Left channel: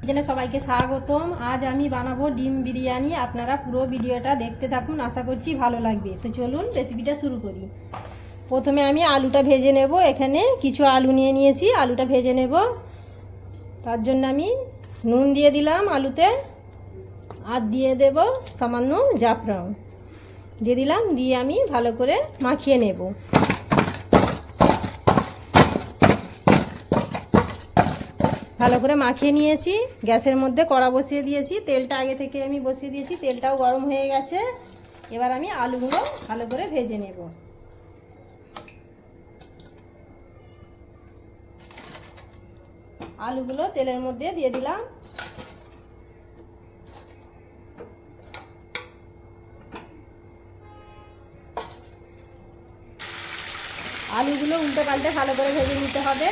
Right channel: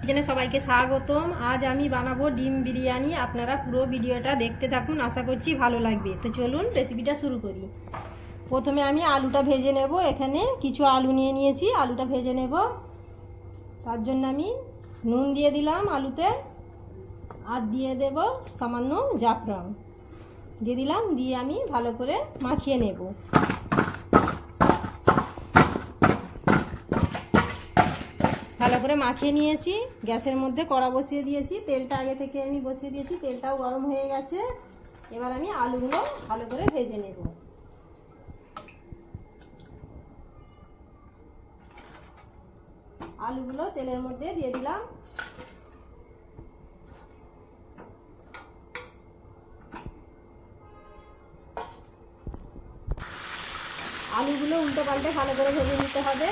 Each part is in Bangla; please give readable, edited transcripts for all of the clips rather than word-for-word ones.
কিচেনে সবাইকে স্বাগতম। আজ আমি বানাবো ডিম বিরিয়ানি। আপনারা পুরো ভিডিওটা দেখতে থাকুন, আশা করছি ভালো লাগবে। তো চলুন রেসিপিটা শুরু করি। প্রথমে আমি আলুটা ভেজে নেব। এখানে কিছু আলু নিয়ে নিয়েছি, আলুটা ভেজে নেব। তার জন্য আমি নুন দিয়ে দিলাম আলুতে, আর দিয়ে দেব সামান্য জাফরান দিয়ে দিলাম, দিয়ে আমি ভালো করে মাখিয়ে নেব। ভালো করে মাখিয়ে নিয়েছি। গ্যাসের মধ্যে কড়া বসিয়ে দিয়েছি, তেলটা আগে থেকে আমি বসিয়ে দিয়েছি, তেলটাও গরম হয়ে গেছে। এবার আমি আলুগুলো ভালো করে ভেজে নেব। আলুগুলো তেলের মধ্যে দিয়ে দিলাম। আলুগুলো উল্টে পাল্টে ভালো করে ভেজে নিতে হবে,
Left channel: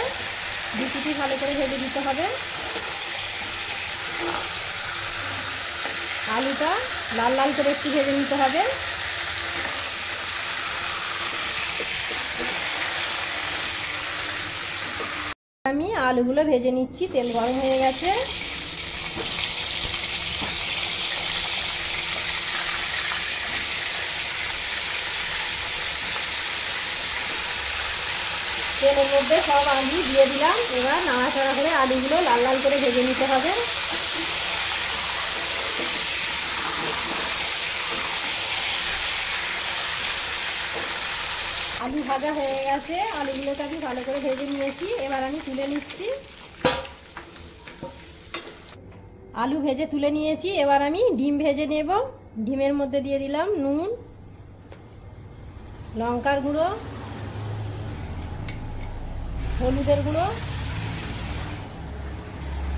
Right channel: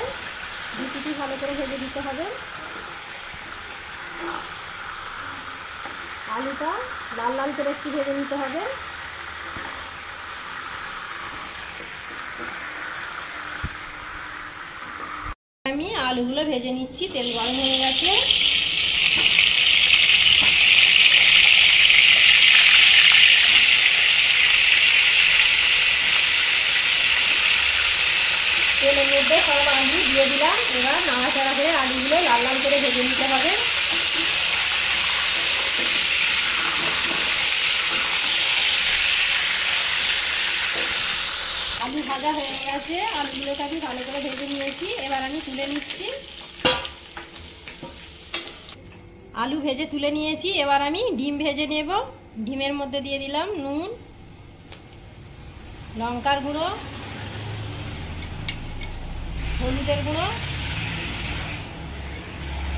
দুটি ভালো করে ভেজে দিতে হবে। আলুটা লাল লাল করে একটু ভেজে নিতে হবে। আমি আলুগুলো ভেজে নিচ্ছি, তেল গরম হয়ে গেছে। তেলের মধ্যে সব আলু দিয়ে দিলাম। এবার নাড়াচাড়া করে আলুগুলো লাল লাল করে ভেজে নিতে হবে। আলু ভাজা হয়ে গেছে, আলুগুলোকে আমি ভালো করে ভেজে নিয়েছি। এবার আমি তুলে নিচ্ছি। আলু ভেজে তুলে নিয়েছি। এবার আমি ডিম ভেজে নেব। ডিমের মধ্যে দিয়ে দিলাম নুন, লঙ্কার গুঁড়ো, হলুদের গুঁড়ো।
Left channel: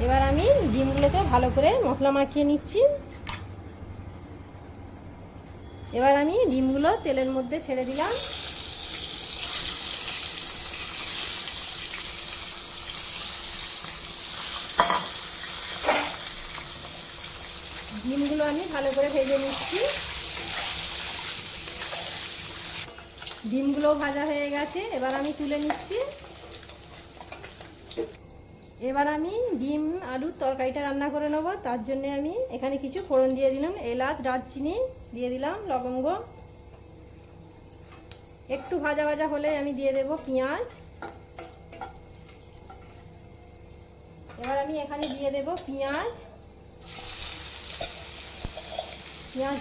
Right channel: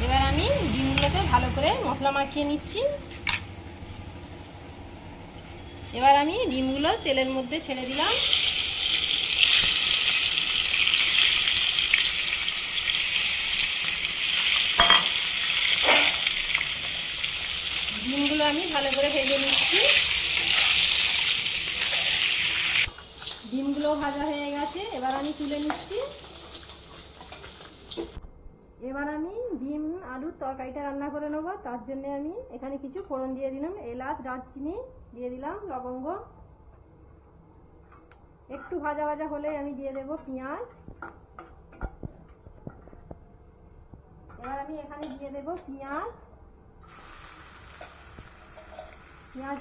এবার আমি ডিমগুলোকে ভালো করে মশলা মাখিয়ে নিচ্ছি। এবার আমি ডিমগুলো তেলের মধ্যে ছেড়ে দিলাম। ডিমগুলো আমি ভালো করে ভেজে নিচ্ছি। ডিমগুলো ভাজা হয়ে গেছে, এবার আমি তুলে নিচ্ছি। এবার আমি ডিম আলুর তরকারিটা রান্না করে নেব। তার জন্য আমি এখানে কিছু ফোড়ন দিয়ে দিলাম, এলাচ, দারচিনি দিয়ে দিলাম, লবঙ্গ। একটু ভাজা ভাজা হলে আমি দিয়ে দেব পেঁয়াজ। এবার আমি এখানে দিয়ে দেব পেঁয়াজ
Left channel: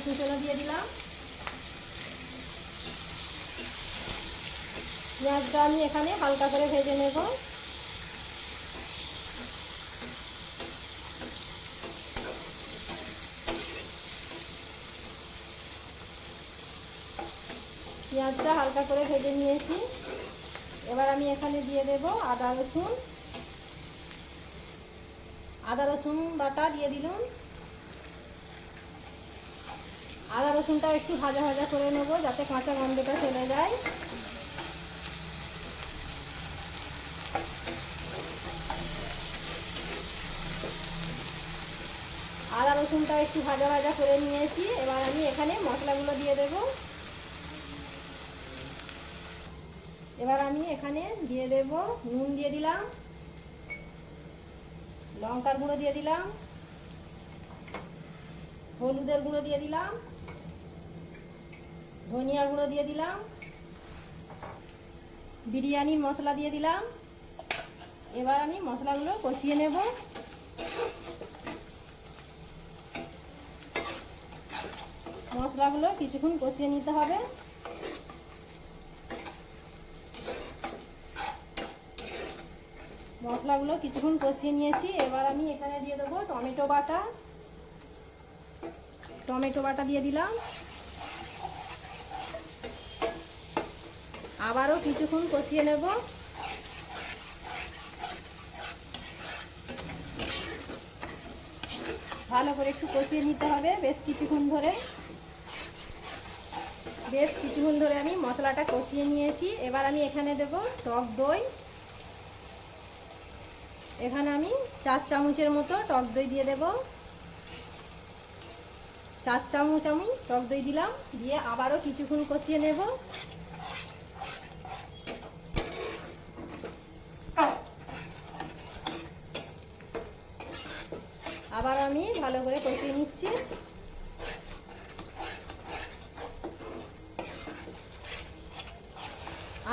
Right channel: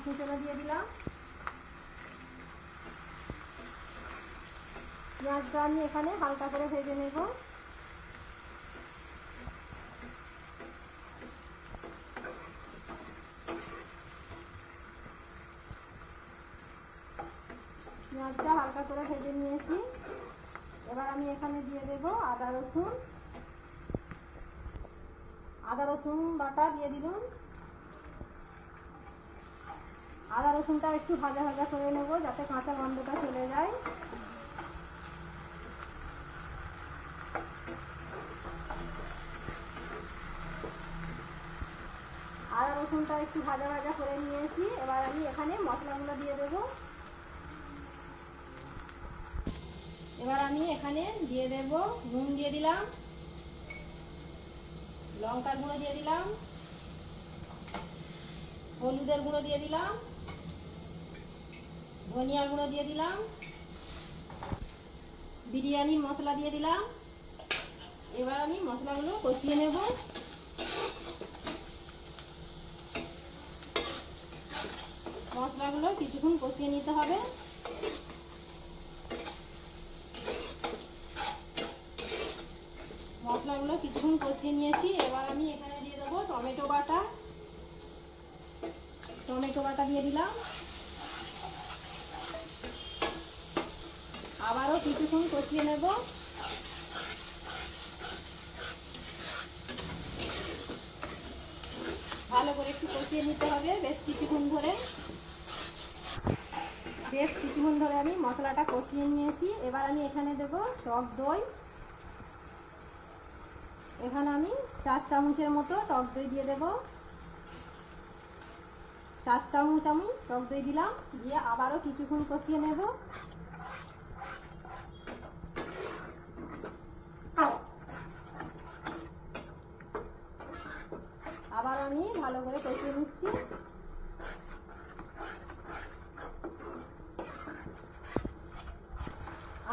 কুচনো দিয়ে দিলাম। পেঁয়াজটা আমি এখানে হালকা করে ভেজে নেব। পেঁয়াজটা হালকা করে ভেজে নিয়েছি। এবার আমি এখানে দিয়ে দেব আদা রসুন বাটা দিয়ে দিলাম। আদা রসুনটা একটু ভাজা ভাজা করে নেব, যাতে কাঁচা গন্ধটা চলে যায়। আদা রসুনটা একটু ভাজা ভাজা করে নিয়েছি। এবার আমি এখানে মশলাগুলো দিয়ে দেব। এবার আমি এখানে দিয়ে দেব নুন দিয়ে দিলাম, লঙ্কার গুঁড়ো দিয়ে দিলাম, হলুদের গুঁড়ো দিয়ে দিলাম, ধনিয়া গুঁড়ো দিয়ে দিলাম, বিরিয়ানি মশলা দিয়ে দিলাম। এবার আমি মশলাগুলো কষিয়ে নেব। মশলাগুলো কিছুক্ষণ কষিয়ে নিতে হবে। মশলাগুলো কিছুক্ষণ কষিয়ে নিয়েছি। এবার আমি এখানে দিয়ে দেবো টমেটো বাটা দিয়ে দিলাম। আবারও কিছুক্ষণ কষিয়ে নেব। ভালো করে একটু কষিয়ে নিতে হবে বেশ কিছুক্ষণ ধরে আমি মশলাটা কষিয়ে নিয়েছি। এবার আমি এখানে দেব টক দই। এখানে আমি 4 চামচের মতো টক দই দিয়ে দেব। 4 চামচ আমি টক দই দিলাম, দিয়ে আবারও কিছুক্ষণ কষিয়ে নেব। আমি ভালো করে কষিয়ে নিচ্ছি।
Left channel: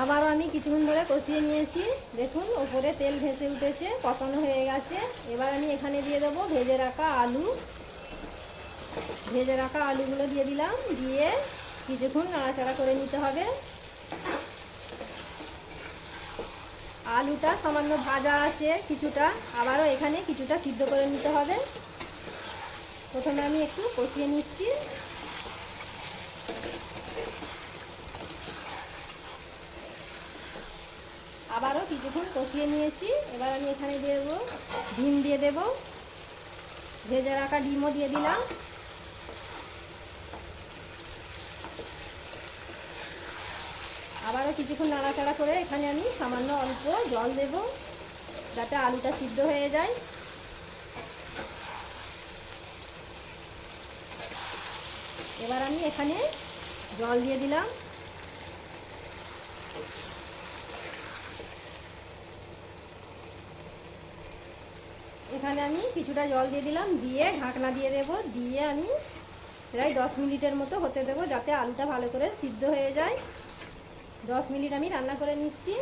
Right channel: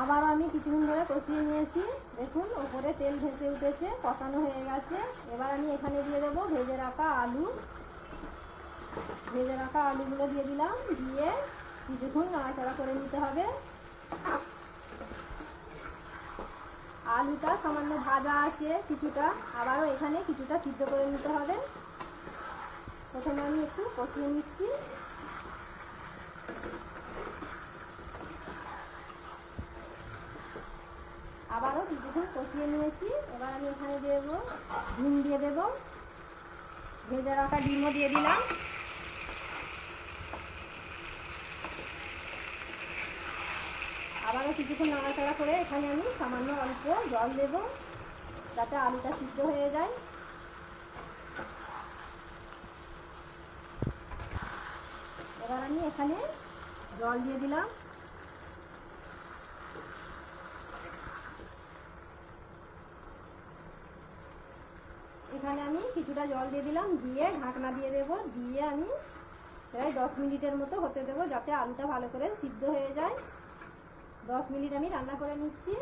আবারও আমি কিছুক্ষণ ধরে কষিয়ে নিয়েছি। দেখুন ওপরে তেল ভেসে উঠেছে, কষানো হয়ে গেছে। এবার আমি এখানে দিয়ে দেবো ভেজে রাখা আলু। ভেজে রাখা আলুগুলো দিয়ে দিলাম, দিয়ে কিছুক্ষণ নাড়াচাড়া করে নিতে হবে। আলুটা সামান্য ভাজা আছে কিছুটা, আবারও এখানে কিছুটা সিদ্ধ করে নিতে হবে। প্রথমে আমি একটু কষিয়ে নিচ্ছি। আবারও কিছুক্ষণ কষিয়ে নিয়েছি। এবার আমি এখানে দিয়ে দেবো ডিম, দিয়ে দেবো ভেজে রাখা ডিমও দিয়ে দিলাম। আবারও কিছুক্ষণ নাড়াচাড়া করে এখানে আমি সামান্য অল্প জল দেব, যাতে আলুটা সিদ্ধ হয়ে যায়। এবার আমি এখানে জল দিয়ে দিলাম। এখানে আমি কিছুটা জল দিয়ে দিলাম, দিয়ে ঢাকনা দিয়ে দেব, দিয়ে আমি প্রায় 10 মিনিটের মতো হতে দেবো, যাতে আলুটা ভালো করে সিদ্ধ হয়ে যায়। 10 মিনিট আমি রান্না করে নিচ্ছি।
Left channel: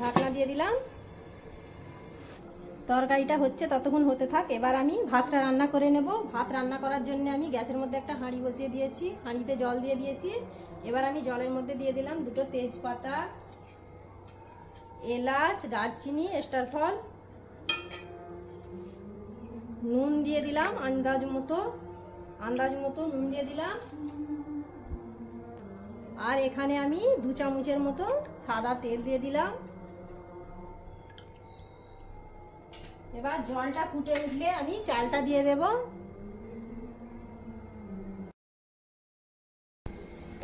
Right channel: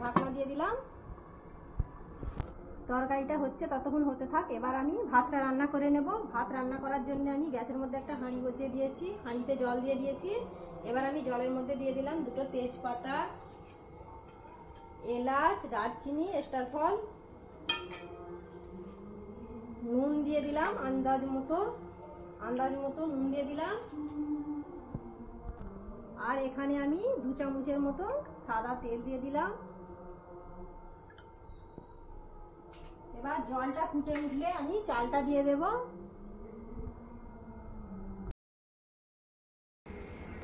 ঢাকনা দিয়ে দিলাম। তরকারিটা হচ্ছে ততক্ষণ হতে থাক। এবার আমি ভাতটা রান্না করে নেব। ভাত রান্না করার জন্য আমি গ্যাসের মধ্যে একটা হাঁড়ি বসিয়ে দিয়েছি, হাঁড়িতে জল দিয়ে দিয়েছি। এবার আমি জলের মধ্যে দিয়ে দিলাম 2টো তেজপাতা, এলাচ, দারচিনি, স্টারফল, নুন দিয়ে দিলাম আন্দাজ মতো নুন দিয়ে দিলাম। আর এখানে আমি 2 চামচের মতো সাদা তেল দিয়ে দিলাম। এবার জলটা ফুটে উঠলে আমি চালটা দিয়ে দেব।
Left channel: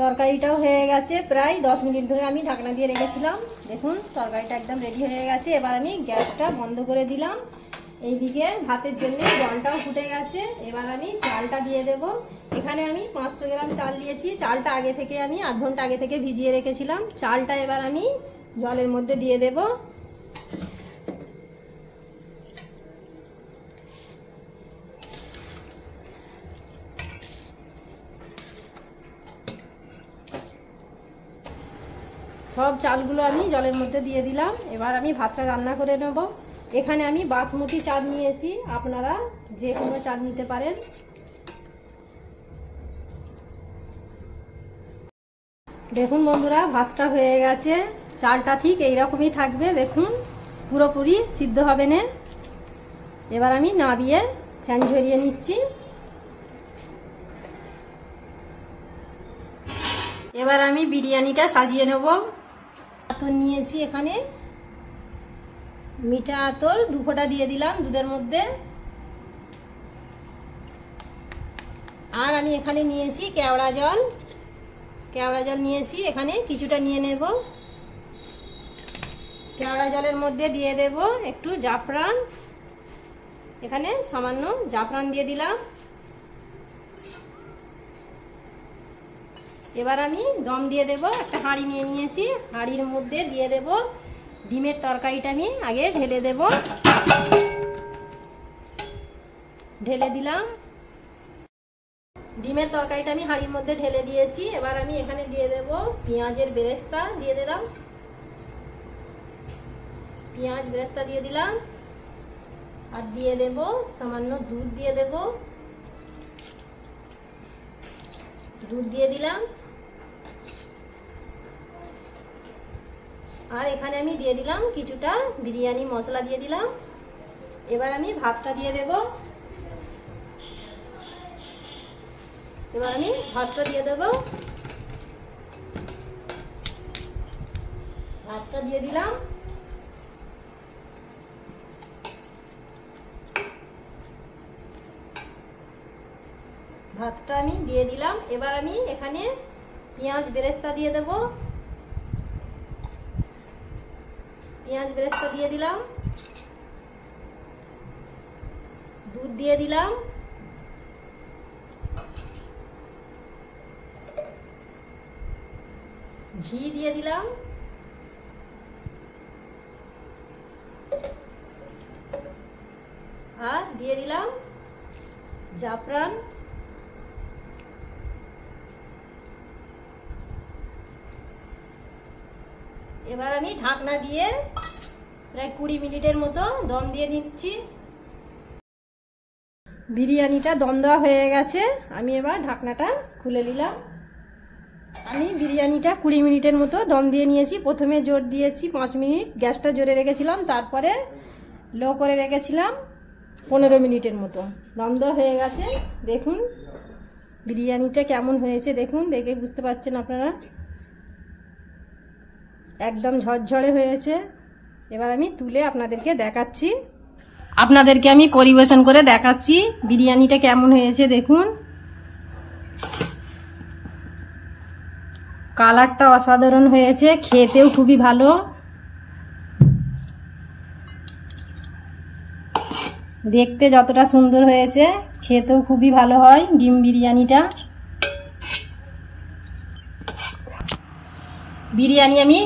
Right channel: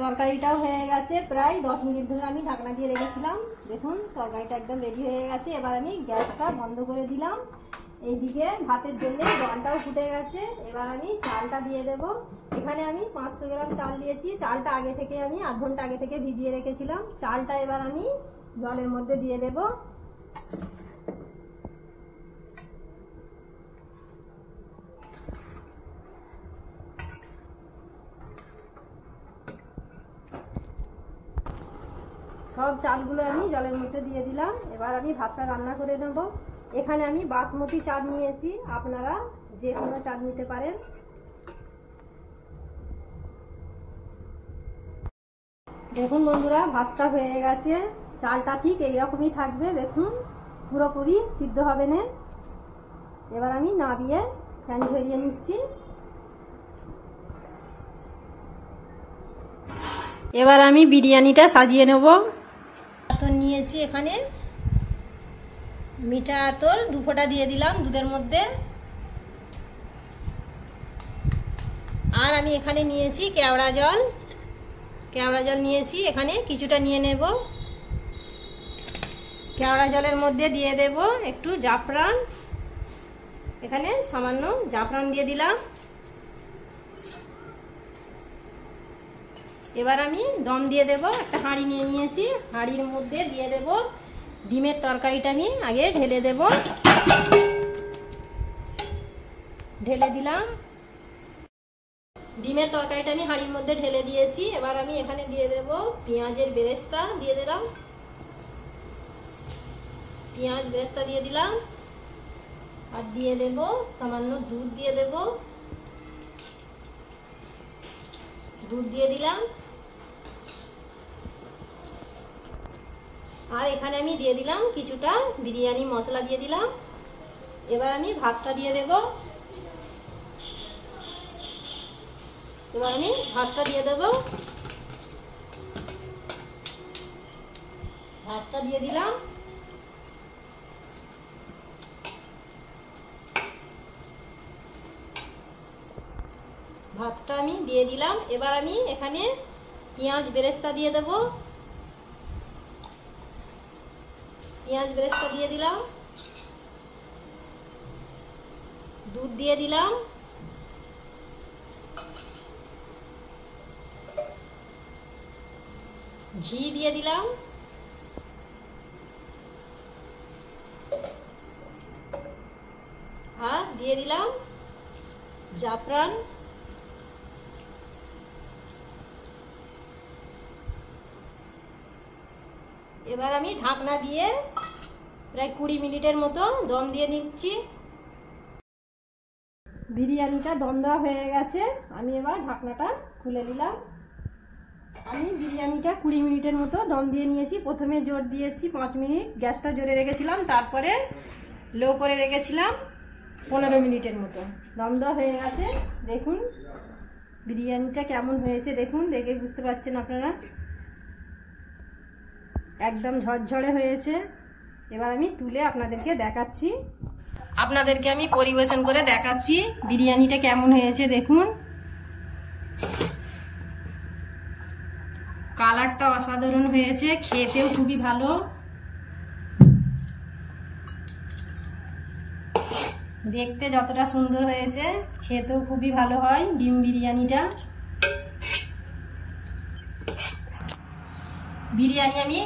তরকারিটাও হয়ে গেছে, প্রায় 10 মিনিট ধরে আমি ঢাকনা দিয়ে রেখেছিলাম। দেখুন তরকারিটা একদম রেডি হয়ে গেছে। এবার আমি গ্যাসটা বন্ধ করে দিলাম। এইদিকে ভাতের জন্য জলটাও ফুটে গেছে। এবার আমি চালটা দিয়ে দেব। এখানে আমি 500 গ্রাম চাল দিয়েছি। চালটা আগে থেকে আমি আধ ঘন্টা আগে থেকে ভিজিয়ে রেখেছিলাম। চালটা এবার আমি জলের মধ্যে দিয়ে দেব। সব চালগুলো আমি জলের মধ্যে দিয়ে দিলাম। এবার আমি ভাতটা রান্না করে নেব। এখানে আমি বাসমতি চাল নিয়েছি, আপনারা যে কোনো চাল নিতে পারেন। দেখুন বন্ধুরা, ভাতটা হয়ে গেছে। চালটা ঠিক এইরকমই থাকবে, দেখুন পুরোপুরি সিদ্ধ হবে না। এবার আমি নাবিয়ে ফ্যান ঝরিয়ে নিচ্ছি। এবার আমি বিরিয়ানিটা সাজিয়ে নেব। আতর নিয়েছি, এখানে মিঠা আতর 2 ফোঁটা দিয়ে দিলাম দুধের মধ্যে। আর আমি এখানে নিয়েছি কেওড়া জল নিয়েছি, এখানে কিছুটা নিয়ে নেব। কেওড়া জলের মধ্যে দিয়ে দেব একটু জাফরান, এখানে সামান্য জাফরান দিয়ে দিলাম। এবার আমি দম দিয়ে দেব। একটা হাঁড়ি নিয়ে নিয়েছি, হাঁড়ির মধ্যে দিয়ে দেব ডিমের তরকারিটা। আমি আগে ঢেলে দেব, ঢেলে দিলাম। ডিমের তরকারিটা আমি হাঁড়ির মধ্যে ঢেলে দিয়েছি। এবার আমি এখানে দিয়ে দেব পেঁয়াজের বেরেস্তা, দিয়ে দিলাম পেঁয়াজ বেরেস্তা দিয়ে দিলাম। আর দিয়ে দেব সামান্য দুধ দিয়ে দেব, দুধ দিয়ে দিলাম। আর এখানে আমি দিয়ে দিলাম কিছুটা বিরিয়ানি মশলা দিয়ে দিলাম। এবার আমি ভাতটা দিয়ে দেব। ভাতটা দিয়ে দিলাম। ভাতটা আমি দিয়ে দিলাম। এবার আমি এখানে পেঁয়াজ বেরেস্তা দিয়ে দেব। পেঁয়াজ বেরেস্তা দিয়ে দিলাম, দুধ দিয়ে দিলাম, ঘি দিয়ে দিলাম। দিয়ে দিলাম জাফরান, এবার আমি ঢাকনা দিয়ে প্রায় 20 মিনিটের মতো দম দিয়ে নিচ্ছি। বিরিয়ানিটা দম দেওয়া হয়ে গেছে, আমি এবার ঢাকনাটা খুলে নিলাম। আমি বিরিয়ানিটা 20 মিনিটের মতো দম দিয়ে নিয়েছি। প্রথমে জোর দিয়েছি 5 মিনিট, গ্যাসটা জোরে রেখেছিলাম, তারপরে লো করে রেখেছিলাম 15 মিনিটের মতো। দম দেওয়া হয়ে গেছে। দেখুন বিরিয়ানিটা কেমন হয়েছে, দেখুন, দেখে বুঝতে পারছেন আপনারা, একদম ঝরঝরে হয়েছে। এবার আমি তুলে আপনাদেরকে দেখাচ্ছি, আপনাদেরকে আমি পরিবেশন করে দেখাচ্ছি বিরিয়ানিটা কেমন হয়েছে। দেখুন কালারটা অসাধারণ হয়েছে, খেতেও খুবই ভালো। দেখতে যতটা সুন্দর হয়েছে খেতেও খুবই ভালো হয় ডিম বিরিয়ানিটা। বিরিয়ানি আমি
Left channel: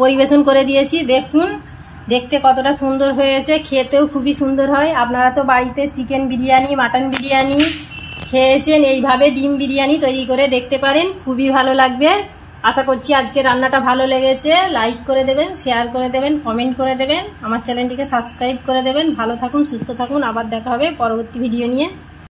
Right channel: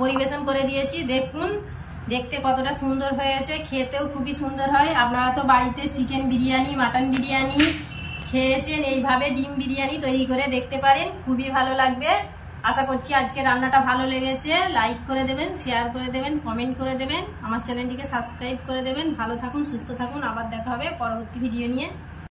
পরিবেশন করে দিয়েছি, দেখুন দেখতে কতটা সুন্দর হয়েছে, খেতেও খুবই সুন্দর হয়। আপনারা তো বাড়িতে চিকেন বিরিয়ানি, মাটন বিরিয়ানি খেয়েছেন, এইভাবে ডিম বিরিয়ানি তৈরি করে দেখতে পারেন, খুবই ভালো লাগবে। আশা করছি আজকে রান্নাটা ভালো লেগেছে। লাইক করে দেবেন, শেয়ার করে দেবেন, কমেন্ট করে দেবেন, আমার চ্যানেলটিকে সাবস্ক্রাইব করে দেবেন। ভালো থাকুন, সুস্থ থাকুন, আবার দেখা হবে পরবর্তী ভিডিও নিয়ে।